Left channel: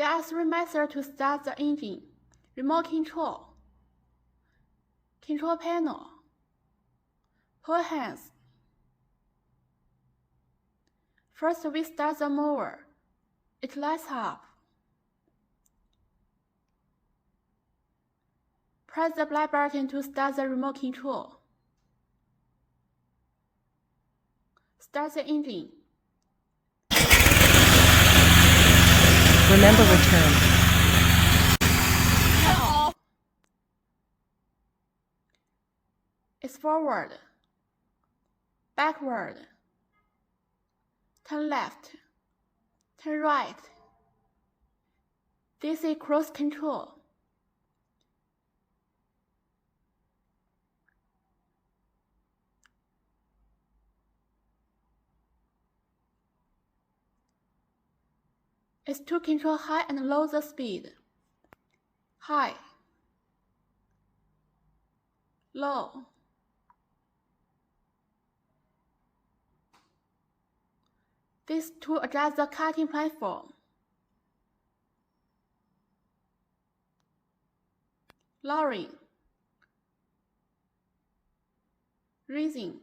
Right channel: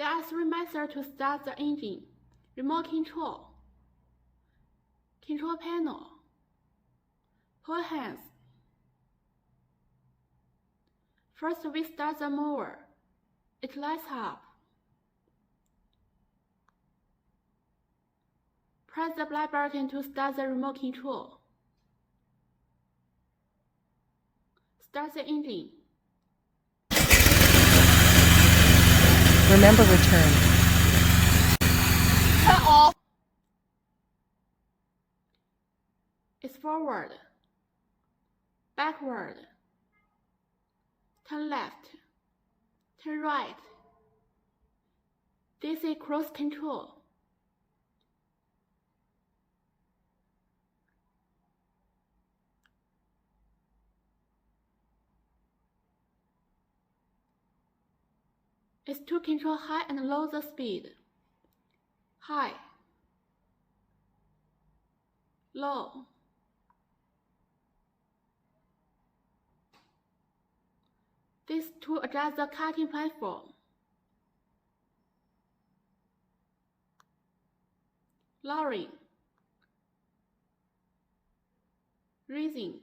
There are three methods to start the engine: remote control, control panel, pull hands. First, we start the mower. It lights up. Press the black button to start the remote control. Start the engine. Remember return. Turn off. It's forward, backward, turn left, turn right. This is cruise control. It's to control high and low the speed. High, low, this to adjust the cutting platform. Lowering, raising,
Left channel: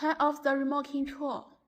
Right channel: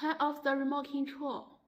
turn off the remote control.